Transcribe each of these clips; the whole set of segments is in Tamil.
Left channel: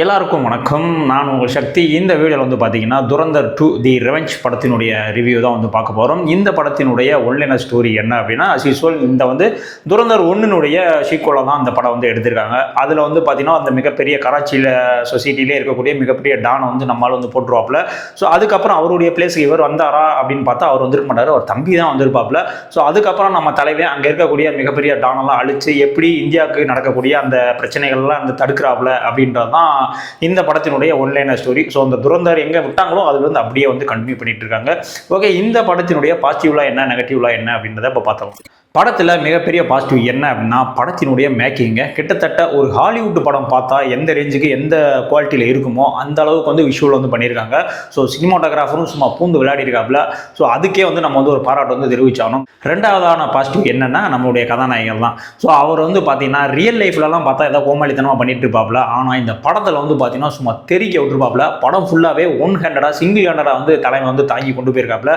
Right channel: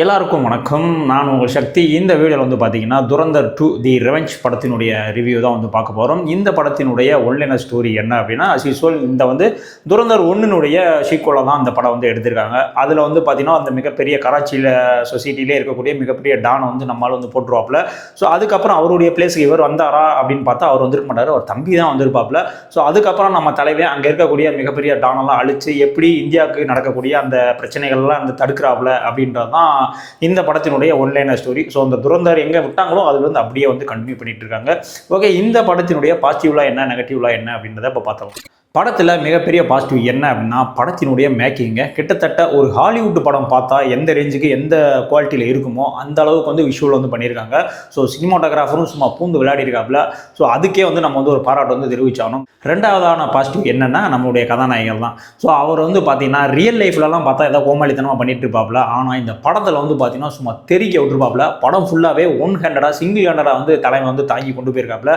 எல்லாருக்கும் வணக்கம். நான் உங்கள் சக்தி. இந்த வீடியோவில் வந்து பார்த்தீங்கன்னா துரந்தர் 2 தி ரெவெஞ்ச் படத்தினுடைய ரிவ்யூ தான் வந்து பார்க்க போகிறோம். இந்த படத்தினுடைய ஒன்லைனர் ஸ்டோரி என்ன அப்படின்னா, அஸ் யூசுவல் இந்த வந்து துரந்தர் 1னுடைய சீக்குவலாக தான் அந்த படம் வந்து எடுத்திருக்காங்க. அதில் வந்து பார்த்தீங்கன்னா அந்த மிகப்பெரிய கராச்சியில் சொசைட்டிலே இருக்கக்கூடிய மிகப்பெரிய டானை வந்து நம்மளால் வந்து போட்டுருவாப்புல. ஸோ அதுக்கப்புறம் அவருடைய பிளேஸுக்கு இவர் வந்தாரா அப்படின்னு பார்த்தா அவர் வந்துருக்க மாட்டார், அவர் தம்பி தான் வந்திருப்பாப்புல. ஸோ அதுக்கப்புறம் நம்ம தலைவே அங்கே இருக்கக்கூடிய மிகப்பெரிய டானெல்லாம் அழித்து எப்படி இந்தியாவுக்கு நடக்கக்கூடிய அந்த பிரச்சனைகள்லாம் அந்த தடுக்கிறாப்புல அப்படின்றது தான் இந்த படத்தினுடைய ஒன்லைனர் ஸ்டோரி. ஸோ அந்த துரந்தர் எங்கே விட்டாங்களோ அதுல இருந்து அப்படியே வந்து கண்டினியூ பண்ணிட்டு இருக்காங்க. ஓகே, இந்த படத்தினுடைய பாசிட்டிவ்லாம் என்ன, நெகட்டிவ்லாம் என்ன அப்படின்றத இப்போ பார்த்தோம். படத்தில் மிகப்பெரிய பாசிட்டிவ் என்ன அப்படின்னா, படத்தினுடைய மேக்கிங்க கிட்டத்தட்ட ஒரு ஹாலிவுட் படம் பார்த்தா எந்த ரேஞ்சுக்கு எந்த குவாலிட்டியில் இருக்குமோ அந்த அளவுக்கு வந்து விஷுவல் வந்து பண்ணியிருக்காங்க. ஸோ சினிமாட்டோகிராஃபரும் சும்மா பூந்து விளையாடி இருக்காப்புல. ஸோ அதுக்கே வந்து நம்ம வந்து ஒரு பாராட்டு வந்து தெரிவிச்சாகணும். ரெண்டாவதான பாசிட்டிவ் என்னன்னா, நம்மளுடைய கதாநாயகர் தான். ஸோ அவர் வந்து பார்த்தீங்கன்னா ரியல் லைஃப்லலாம் பார்த்தா ஏதாவது கோமாளித்தனமாக பண்ணிட்டு இருப்பாப்புல. ஆனால் இந்த படத்தில் வந்து பார்த்தீங்கன்னா சும்மா தெறிக்க விட்டுருப்பாப்புல. படம் ஃபுல்லாகவே ஒன் ஹேண்டடாக சிங்கிள் ஹேண்டடாக வந்து தலைமை வந்து தாங்கி கொண்டு போயிருக்காப்புல.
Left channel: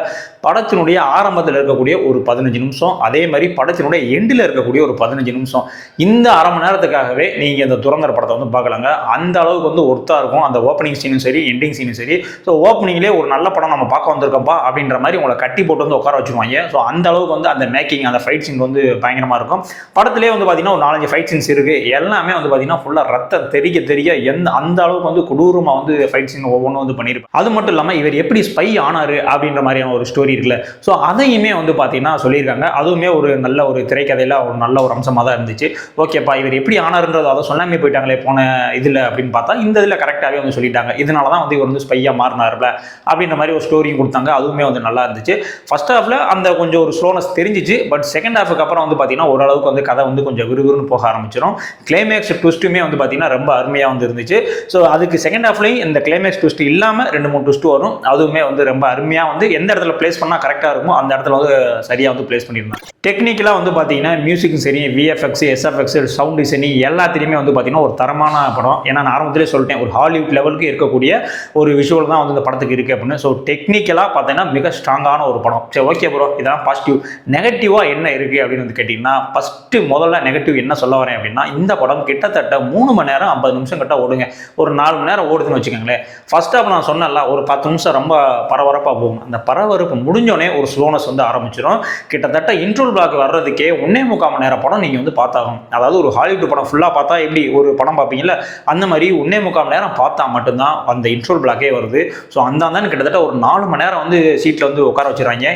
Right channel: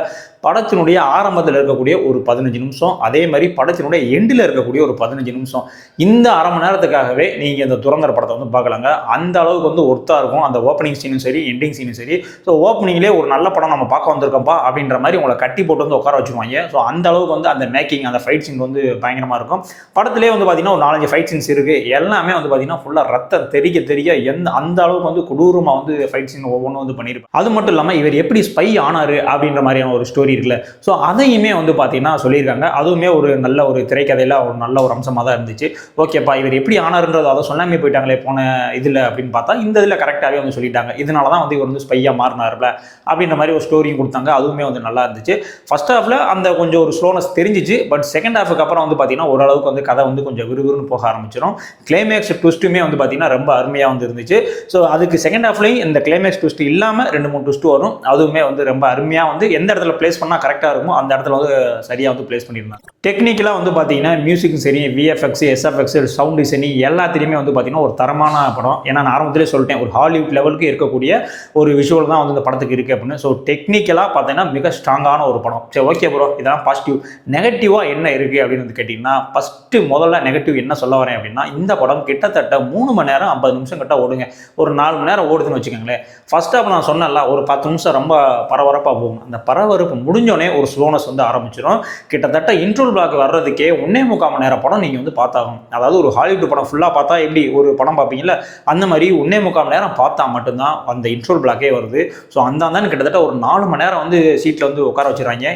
படத்தினுடைய ஆரம்பத்தில் இருக்கக்கூடிய ஒரு 15 நிமிஷம், அதே மாதிரி படத்தினுடைய எண்டில் இருக்கக்கூடிய ஒரு 15 நிமிஷம், இந்த அரை மணி நேரத்துக்காகவே நீங்க இந்த துரந்தர் படத்தை வந்து பார்க்கலாங்க. அந்த அளவுக்கு வந்து ஒர்த்தா இருக்கும். அந்த ஓப்பனிங் சீனும் சரி, எண்டிங் சீனும் சரி. ஸோ ஓப்பனிங்லேயே ஒரு நல்ல படம் நம்ம பார்க்க வந்திருக்கோம்ப்பா அப்படின்ற மாதிரி உங்களை கட்டி போட்டு வந்து உட்கார வச்சிருவாங்க. ஸோ அந்த அளவுக்கு வந்து அந்த மேக்கிங், அந்த ஃபைட் சீன் வந்து பயங்கரமா இருக்கும். படத்திலே வந்து பார்த்தீங்கன்னா ஒரு 4-5 ஃபைட் சீன்ஸ் இருக்கு. எல்லாமே வந்து பார்த்தீங்கன்னா ஃபுல்லாக ரத்தம் தெரிய அந்த அளவுக்கு வந்து கொடூரமாக வந்து ஃபைட் சீன் ஒவ்வொன்றும் வந்து பண்ணியிருப்பாங்க. அது மட்டும் இல்லாமல் இவர் எப்படி ஸ்பை ஆனாரு அப்படின்ற மாதிரியான ஒரு ஸ்டோரி இருக்குல்ல. ஸோ அதையுமே வந்து பார்த்தீங்கன்னா சொல்லியிருக்காங்க. அதுவுமே ஒரு நல்ல ஒரு திரைக்கதையில் ஒரு நல்ல ஒரு அம்சமாக தான் இருந்துச்சு. ஓகேப்பா, இவர் எப்படி ஆனார்ன்றது அதை சொல்லாமே போயிட்டாங்களே போன இதில் அப்படின்னு பார்த்தா இந்த இதில் கரெக்டாகவே வந்து சொல்லிட்டாங்க. இதனால தான் வந்து இவர் வந்து ஸ்பையாக மாறினார்ல அப்படின்ற மாதிரி ஒரு ஸ்டோரியும் கொடுத்தாங்க. அதுவுமே வந்து நல்லா இருந்துச்சு. ஃபர்ஸ்ட் ஹாஃபில் அந்த கொஞ்சம் ஒரு ஸ்லோனஸ் தெரிஞ்சிச்சு. பட் செகண்ட் ஹாஃபுக்கு அப்புறம் வந்து பார்த்தீங்கன்னா ஓரளவுக்கு வந்து கதை வந்து கொஞ்சம் விறுவிறுன்னு போக ஆரம்பிச்சிடும். கிளைமேக்ஸ் ட்விஸ்ட்டுமே வந்து பார்த்தீங்கன்னா ரொம்ப அருமையாக வந்து இருந்துச்சு. ஸோ அதுக்கு செகண்ட் ஹாஃப்லையும் இந்த கிளைமேக்ஸ் ட்விஸ்ட் இல்லாமல் 2-3 ட்விஸ்ட் வரும். அதுவுமே வந்து ரொம்ப அருமையாக வந்து எந்த இடத்துல பிளேஸ் பண்ணால் கரெக்டாக இருக்குமோ அந்த இடத்துல வந்து சரியாக வந்து பிளேஸ் பண்ணியிருந்தாங்க. டெக்னிக்கலாக வந்து பார்த்தீங்கன்னா மியூசிக்கும் சரி, விஎஃப்எக்ஸ், எஸ்எஃப்எக்ஸ், சவுண்ட் டிசைனிங் எல்லாத்திலையுமே வந்து பார்த்தீங்கன்னா ஒரு தரமான படம். ஏன்னா நான் ஆரம்பத்திலே சொல்லிட்டேன், ஒரு ஹாலிவுட் லெவலுக்கு இருக்கக்கூடிய ஒரு விஷுவல் தான் வந்து இந்த படத்துக்கு இருக்குது அப்படின்னு. ஸோ டெக்னிக்கலாக பார்த்தீங்கன்னா மிக ஸ்ட்ராங்கான ஒரு படம். சரி, ஓகே ப்ரோ, இதெல்லாம் பாசிட்டிவ். நெகட்டிவாக என்ன இருக்குது அப்படின்னு வந்து கேட்டிங்கன்னா, ஃபஸ்ட்டு முதல்ல நெகட்டிவ் என்ன சொல்ல வரேன் அப்படின்னா, இந்த படம் கிட்டத்தட்ட 3 மணி நேரம் 50 நிமிஷம் கிட்ட ஓடுங்க. ஒரு 4 மணி நேரம் ஓடுதுன்னு வச்சுக்கோங்களேன். ஃபர்ஸ்ட் ஹாஃப் நான் சொன்னல ஒரு 10 நிமிஷம் ரொம்ப பரபரப்பாக போகும். அந்த பரபரப்பு முடிஞ்சோடனே ஒரு ஸ்லோனஸ் வந்து ஆரம்பிச்சிடும். கிட்டத்தட்ட இன்ட்ரோல் பிளாக் வர்றதுக்கே 1.25 மணி நேரம் படம் நீங்கள் வந்து பார்த்தாகணும். அதாவது ஒரு ஹாலிவுட் படம் ஃபுல்லாக பார்த்தா எப்படி ஒரு படம் பார்ப்பீங்கல்ல, அந்த மாதிரி 1.25 மணி நேரம் பார்த்தா மட்டும்தான் அந்த இன்ட்ரோல் பிளாக்கே வருது. ஸோ அந்த கிட்டத்தட்ட ஒரு 4 மணி நேரம் வந்து சீட்டில் வந்து உட்கார வச்சுருவாங்க.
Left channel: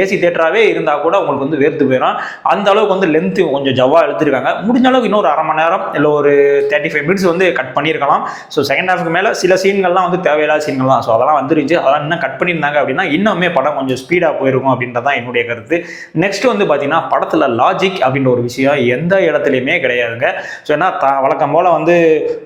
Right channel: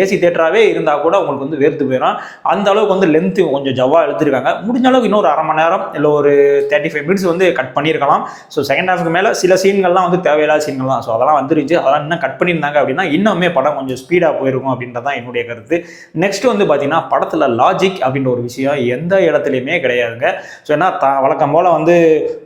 ஏசி தேட்டராகவே இருந்தால் கூட உங்களுக்கு வந்து வேர்த்து போயிடும். அந்த அளவுக்கு வந்து லென்த்து கொஞ்சம் ஜவ்வா எடுத்துருக்காங்க. முடிஞ்ச அளவுக்கு இன்னொரு அரை மணி நேரம் இல்லை ஒரு 35 மினிட்ஸ் வந்து கட் பண்ணியிருக்கலாம். ஸோ செகண்ட் ஹாஃப்க்கு மேலே சில சீன்கள்லாம் வந்து தேவையில்லாத சீன்கள் தான். ஸோ அதெல்லாம் வந்துருச்சு. அதெல்லாம் இன்னும் கட் பண்ணியிருந்தாங்க அப்படின்னா இன்னுமே படம் கொஞ்சம் ஸ்பீடாக போயிருக்கும் அப்படின்றதான் என்னுடைய கருத்து. நெக்ஸ்ட் வந்து பார்த்தீங்கன்னா படத்தில் லாஜிக் அப்படின்ற ஒரு விஷயம் எந்த இடத்துலையுமே கிடையாதுங்க. ஸோ ஏன்னா வழக்கம் போல் வந்து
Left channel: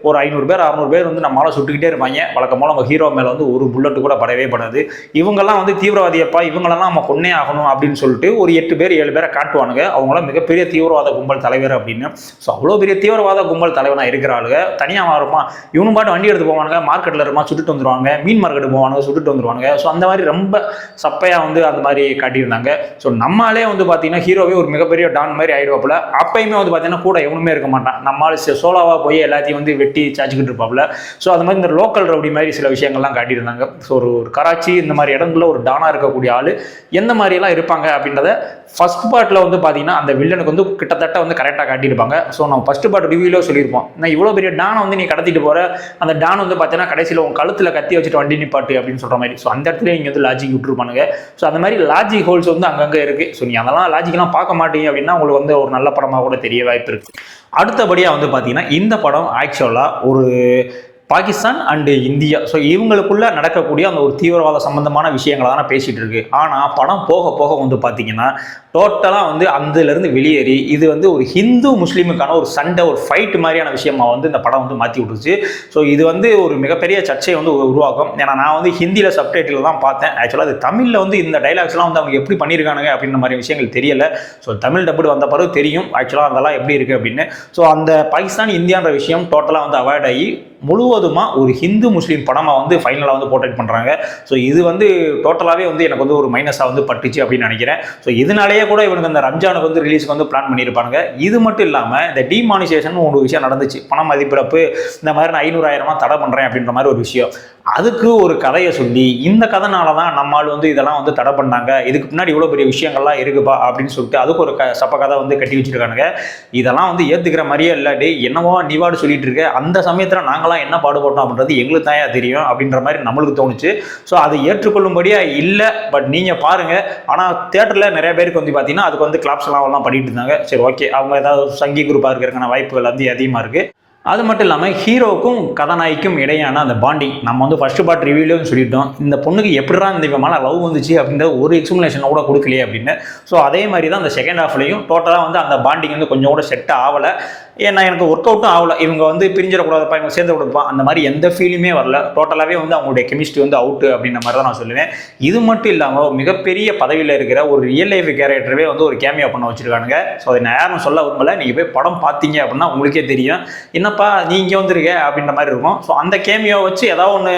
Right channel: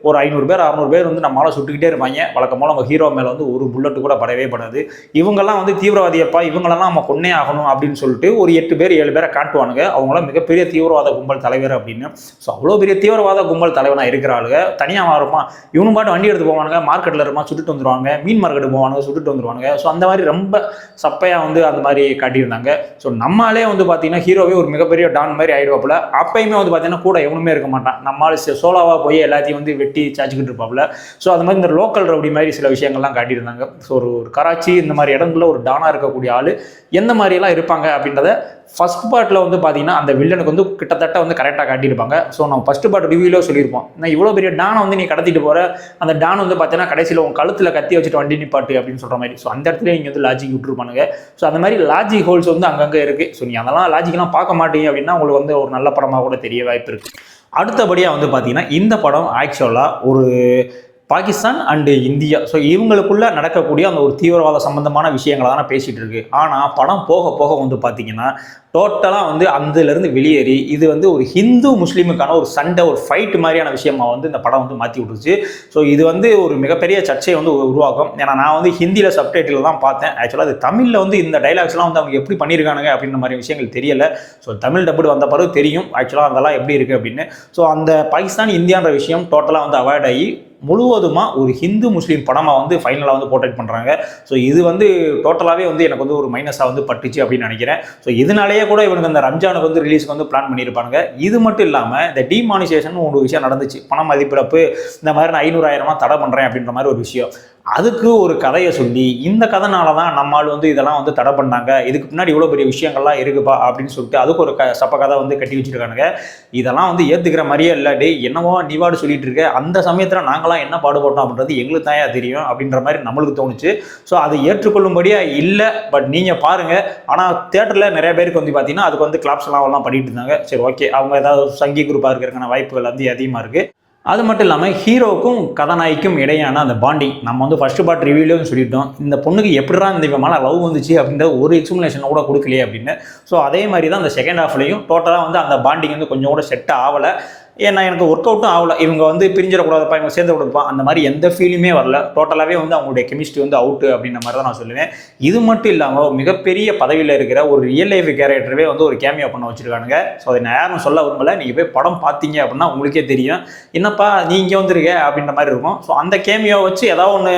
ஒரு 500 பேர் 600 பேர் வந்து நம்மளால் சுட்டுக்கிட்டே இருப்பாங்க. வழக்கம் போல் நம்ம ஹீரோ மேலே வந்து ஒரு புல்லட்டு கூட படவே படாது. இவங்கெல்லாம் வந்து தீவிரவாதியப்பா, இவங்களெல்லாம் நம்ம கொன்னே ஆகணும் அப்படின்னு சொல்லிட்டு ஒரு 8 பேர் 7 பேரை காட்டுவானுங்க. அவங்களாம் மிகப்பெரிய தீவிரவாத கும்பல் தலைவர் அப்படின்னு. ஸோ அவ்வளோ பெரிய தீவிரவாத கும்பல் தலைவனாக இருக்கிறாளுங்க தனியாக இருப்பான். இவனு பாட்டு வண்டி எடுத்து போவானுங்க, மார்க்கெட்டில் இருமா சுட்டுட்டு வந்துடுவாங்க, மீன் மார்க்கெட்டு போவானுங்க, சுட்டுட்டு வந்துடுவானுங்க. ஸோ அந்த மாதிரி ரொம்ப சப்பையாக வந்து அந்த மாதிரி காட்டியிருந்தாங்க. ஸோ நம்மளே வந்து பார்த்தீங்கன்னா ஹீரோவே ஒரு மிகப்பெரிய டான் மாதிரி ஆயிடுவாப்புல. அப்பயுமே வந்து பார்த்தீங்கன்னா கூட எவனுமே இருக்க மாட்டான். நம்மளால சோலாவாக போய் எல்லாத்தையும் வந்து வெட்டி சாச்சிக்கிட்டு இருப்பாப்புல. ஸோ அது மாதிரி இந்த லோக்கல் ரவுடி மாதிரி சில விஷயங்கள்லாம் காட்டியிருந்தாங்க. ஸோ ஒரு கராச்சி இந்த மாதிரி இடங்களில் ஒரு டானாக இருக்கக்கூடிய ஆள் எந்த மாதிரிலாம் இருப்பாங்க அப்படின்றத ஃபர்ஸ்ட் பார்ட்டில் வந்து பார்த்தீங்கன்னா அந்த வில்லனுக்கு வந்து கிட்டத்தட்ட வந்து கரெக்டாக காட்டியிருப்பாங்க. ஸோ நம்ம ஃபர்ஸ்ட் பார்ட் ரிவ்யூலேயே சொல்லியிருப்போம், நான் இவ்வளோ பெரிய டானை வந்து நீ கடத்திட்டு போகிற, அந்த டான் வந்து பார்த்தீங்கன்னா கடைசியில் உங்கள் கழுத்தில் கத்தி வச்சுட்டு வண்டி நிப்பாட்டு அப்படின்னு சொல்கிற மாதிரி. ஸோ அந்த இடத்துல நீங்கள் வந்து லாஜிக் விட்டுருப்பானுங்க. ஸோ அந்த மாதிரி லாஜிக் ஹோல்ஸ் வந்து அங்கங்கே இருக்குது. ஸோ நீ அதெல்லாம் லாஜிக்லாம் பார்க்க மாட்டீங்க அப்படின்னா உங்களுக்கு வந்து ஒரு நல்ல படமாக கூட தெரிய வாய்ப்பு இருக்குது. அடுத்தபடியாக வந்து பார்த்தீங்கன்னா இந்த படம் ஆக்சுவலாக ஒரு பாகிஸ்தான் அண்டு இந்தியா, ஸோ இவங்களுக்குள்ள நடக்கக்கூடிய அந்த ஒரு தீவிரவாத சம்பந்தமான விஷயங்களை தானே பேசிகிட்டு இருக்கு. ஆனால் படம் போக போக வந்து பார்த்தீங்கன்னா டோட்டலாக வந்து அதிலிருந்து வெளியேறி இது வந்து ஒரு ஹிந்து முஸ்லீமுக்கான ஒரு சண்டை, ஒரு ஃபைட் மாதிரியான விஷயமா வந்து இந்த படம் வந்து மாற்றி விட்டுருச்சு. ஸோ இது வந்து ஒரு மிகப்பெரிய சர்ச்சையை வந்து உருவாக்கும். ஏன்னா நான் வந்து ஹிந்தியில் சப்டைட்டில் தான் பார்த்தேன். ஆக்சுவலாக அது தமிழில் வந்து இந்த டைலாக்ஸ்லாம் வந்து அவங்க எப்படி பண்ணியிருக்கானுங்க அப்படின்ற மாதிரி விஷயங்கள் தெரியல. ஸோ தமிழ் டப்புடு வந்த பிறகு தெரியும் ஆக்சுவலாக அதெல்லாம் எப்படி இருக்குது அப்படின்னு. ஸோ அந்த பாகிஸ்தான் இந்தியான்ற விஷயம் டோட்டலாக வந்து அவாய்ட் ஆகி முழுவதுமாக ஒரு ஹிந்து முஸ்லீம் படமாக வந்து ஃபைனலாக வந்து போர்ட்ரேட் பண்ணுறாங்க. ஸோ இது வந்து டோட்டலாகவே வந்து எனக்கு வந்து ஒரு மைனஸாக வந்து பட்டுச்சு அப்படின்னு நினைக்கிறேன். ஸோ இதனாலேயே கூட இவனுக்கு அந்த ரம்ஜானுக்கு வந்து ரிலீஸ்க்கு வந்து பிளான் பண்ணியிருப்பாங்க. இது மட்டும் இல்லாமல் இந்த டிமானிசேஷன் ஒரு விஷயம் நடந்துச்சு. பண மதிப்பிழப்பு இந்த மாதிரி நான் 500,000 தடை பண்ணுறேன் அப்படின்ற மாதிரி ஒரு விஷயம். அதுக்கு ஒரு கதையை சொல்லி இந்த கதைனால தான் நம்மால் வந்து இதெல்லாம் வந்து தடை பண்ணாங்க, இதுக்கு பின்னாடி இவ்வளோ பெரிய விஷயங்கள்லாம் இருக்குப்பா அப்படின்னு சொல்லிட்டு அதுக்கு ஒரு சப்ப கதை வந்து கட்டி வச்சிருக்கானுங்க. இதெல்லாம் வந்து ஏற்றுக்கிற மாதிரியே இல்லை. டே என்னவோ நீவாடு சொல்லிட்டு இருக்க, அந்த சமயத்தில் நாங்களாம் என்ன பாடுபட்டோம் அப்படின்றது எங்களுக்கு தான் தெரியும் அப்படின்ற மாதிரி நம்மளுக்கு தோணுச்சு. ஸோ அது ஏற்றுக்கொள்ளும்படியா இல்லை. பட் நீங்கள் பாருங்கள். ஆனால் தேட்டரில் நிறைய பேருக்கு வந்து பார்த்தீங்கன்னா அதுக்கு வந்து கிளாப்ஸ் எல்லாம் பண்ணிட்டு இருந்தாங்க. சரி ஓகே, அவங்க ஏதாவது சங்கி குரூப்பாக இருக்கிறதுக்கான வாய்ப்புகள் வந்து அதிகமாக இருக்குது. அது மட்டும் இல்லாமல் ஹீரோவுக்கும் கதாநாயகிக்கும் இடையான அந்த பாண்டிங் நம்ம வந்து ஃபர்ஸ்ட் பார்ட் ரிவ்யூலையும் சொல்லிட்டோம். இந்த பொண்ணுக்கு எப்படிதான் இந்த விமான லவ் வந்துச்சு அப்படின்ற ஒரு எக்ஸ்பிளனேஷன் கூட கொடுக்கலையே அப்படின்னு. ஸோ அதே மாதிரி தான் அந்த செகண்ட் ஹாஃப்லையும் டோட்டலாக வந்து அந்த பாண்டிங் வந்து கொஞ்சம் கூட செட் ஆகலை. ஏன்னா எனக்கு ஒர்க் அவுட்டும் ஆகலை. இவங்க வந்து பிரிஞ்சிடக்கூடாதுப்பா, இவங்க சேர்ந்து கொடுப்பான், அந்த மாதிரி எந்த ஃபீலுமே வரல. டோட்டலாகவே வந்து அவங்களுடைய கெமிஸ்ட்ரி வந்து அவுட்டு அப்படின்ற மாதிரி தான் நான் சொல்லுவேன். இது மட்டும் இல்லாமல் மிகப்பெரிய பதவியில் இருக்கிற ஒரு ரியல் லைஃப் கேரக்டரவே வந்து ஒரு கேமியா பண்ண வச்சிருக்கானுங்க. ஸோ அதை நான் யாரும் சொல்ல விரும்பலை. நீங்கள் போய் படம் பார்த்தீங்க அப்படின்னா உங்களுக்கே தெரியும். என்னப்பா நீ இங்கே வந்துருக்க அப்படின்ற மாதிரி இருக்கும். ஸோ அந்த கேமியாவை வச்சு ஏதாவது ஒன்று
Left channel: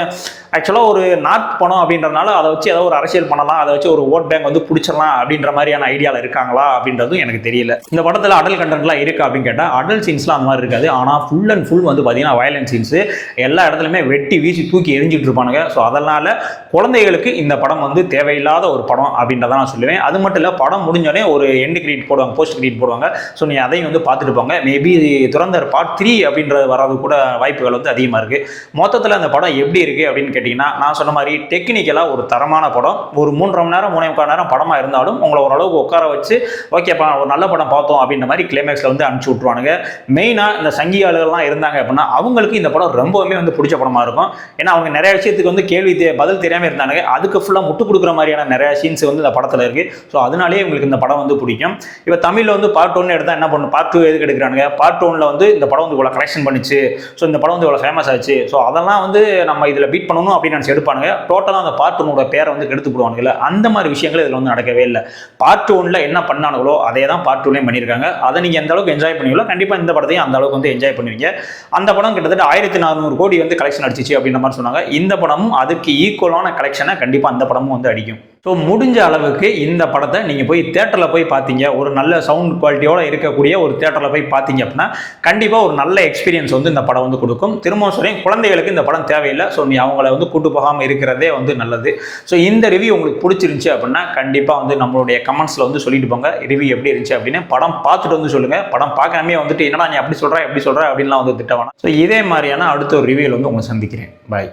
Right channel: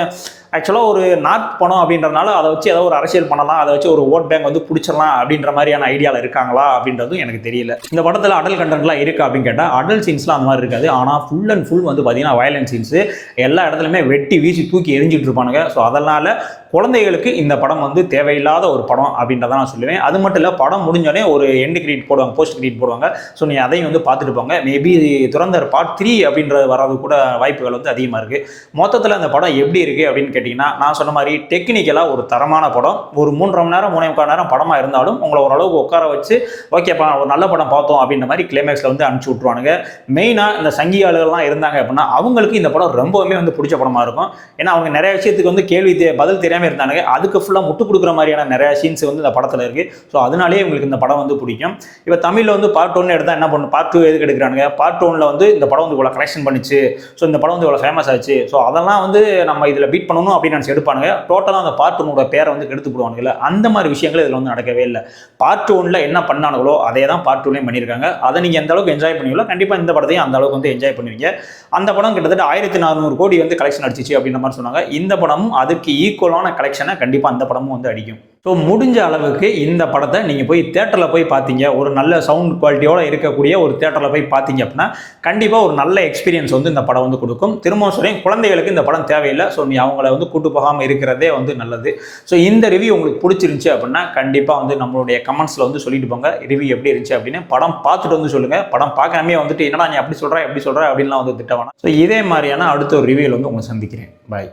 ஆக்சுவலாக ஒரு நார்த் பணம் அப்படின்றதுனால அதை வச்சு ஏதாவது ஒரு அரசியல் பண்ணலாம், அதை வச்சு ஒரு ஓட் பேங்க் வந்து பிடிச்சிடலாம் அப்படின்ற மாதிரியான ஐடியாவில் இருக்காங்களா அப்படின்றதும் எனக்கு தெரியல. இந்த படத்தில் அடல் கண்டென்ட்லாம் இருக்கா அப்படின்னு கேட்டால் அடல் சீன்ஸ்லாம் அந்த மாதிரி இருக்காது. ஆனால் ஃபுல் அண்ட் ஃபுல் வந்து பார்த்தீங்கன்னா வயலன்ஸ் சீன்ஸு எல்லா இடத்துலையுமே வெட்டி வீசி தூக்கி எரிஞ்சிட்டு இருப்பானுங்க. ஸோ அதனால் குழந்தைகளுக்கு இந்த படம் வந்து தேவையில்லாத ஒரு படம் அப்படின்றத நான் சொல்லுவேன். அது மட்டும் இல்லை, படம் முடிஞ்சோடனே ஒரு எண்டு கிரெடிட் போடுவாங்க, போஸ்ட் கிரெடிட் போடுவாங்க. ஸோ நீ அதையும் வந்து பார்த்துட்டு போங்க. மேபி துரந்தர் பார்ட் 3 அப்படின்றது வராது கூட வாய்ப்புகள் வந்து அதிகமாக இருக்குது. மொத்தத்தில் அந்த படம் எப்படி இருக்குது அப்படின்னு கேட்டிங்கன்னா, நான் சொன்ன மாதிரி டெக்னிக்கலாக ஒரு தரமான படம். ஒரு 3.5 மணி நேரம் 3.25 நேரம் படமாக இருந்தாலும் உங்களை ஓரளவுக்கு உட்கார வச்சு ஓகேப்பா ஒரு நல்ல படம் பார்த்தோம் அப்படின்ற மாதிரி கிளைமேக்ஸில் வந்து அனுப்பிச்சி விட்ருவானுங்க. மெயினாக இந்த சங்கியாளர்கள்லாம் இருந்தாங்க அப்படின்னா அவங்களுக்கு இந்த படம் ரொம்பவுமே வந்து பிடிச்ச படமாக இருக்கும். ஏன்னா அவங்க நிறைய விஷயத்துக்கு வந்து கேள்வி பதில் தெரியாமல் இருந்தானுங்க. அதுக்கு ஃபுல்லாக முட்டு கொடுக்குற மாதிரியான நிறைய சீன்ஸ் வந்து இந்த படத்தில் இருக்குது. ஸோ அதனாலேயே உங்களுக்கு இந்த படம் வந்து பிடிக்கும். இப்போ தமிழில் வந்து பார்ட் 1 எடுத்தால் என்ன பண்ணணும், பார்ட் 2 எதுக்கு எடுக்கிறானுங்க, பார்ட் 1ல் வந்து இந்த படம் வந்து இவ்வளோ கலெக்ஷன் பண்ணிச்சு, ஸோ இந்த படம் வந்து இவ்வளோ ஃபேமஸ் ஆச்சு, ஸோ அதெல்லாம் வந்து நம்ம இதில் பீட் பண்ணணும் அப்படின்னு நினச்சி எடுப்பானுங்க. டோட்டலாக அந்த பார்ட் 1 பேரை வந்து கெடுத்து போடுவானுங்கள. அந்த மாதிரி விஷயங்கள் இதில் வந்து நடக்கவே இல்லை. பார்ட் 1 என்ன பண்ணானுங்களோ அதே தான் பார்ட் 2லையும் பண்ணியிருக்காங்க. அதை நீங்கள் எந்த அளவுக்கு என்ஜாய் பண்ணுவீங்களோ கண்டிப்பாக இந்த படத்தையும் அந்த அளவுக்கு வந்து என்ஜாய் பண்ணுவீங்க. அந்த படம் கிட்டத்தட்ட 1400 கோடி வந்து கலெக்ஷன் அடிச்சிச்சு அப்படின்ற மாதிரி சொன்னாங்க. இந்த படமும் அதுக்கு ஈக்குவலான கலெக்ஷனை கண்டிப்பாக அந்த படமும் வந்து அடிக்கும். ஸோ முடிஞ்ச அளவுக்கு இந்த படத்தை நீங்கள் போய் தேட்டரில் போய் பார்த்தீங்க, ஒரு நல்ல சவுண்ட் குவாலிட்டியோடு இருக்கக்கூடிய ஒரு தேட்டரில் போய் பார்த்தீங்க அப்படின்னா கண்டிப்பாக ஒரு நல்ல எக்ஸ்பீரியன்ஸ் வந்து இந்த படம் வந்து கொடுக்கும். திரும்பவும் சொல்கிறேன், குழந்தைகளுக்கு இந்த படம் தேவையில்லை. ஸோ நீ அவங்கள வந்து கூட்டு போகாமல் இருக்கிறதே வந்து நல்லது. ஸோ இந்த ரிவ்யூ உங்களுக்கு பிடிச்சிருந்துச்சி அப்படின்னா கண்டிப்பாக வந்து நம்மளுடைய கமெண்ட்ஸில் வந்து சொல்லிட்டு போங்க ரிவ்யூ எப்படி இருந்துச்சு அப்படின்னு. படம் பார்த்துட்டு வந்து சொல்லுங்கள். படம் பார்க்காமே வந்துட்டு என்னடா நீ அப்படி சொல்கிற எப்படி சொல்கிற அப்படின்லாம் வந்து திட்ட வேணாம். ஸோ இதே மாதிரியான அடுத்த ஒரு ரிவ்யூவில் வந்து உங்களை சந்திக்கிறேன். பாய்.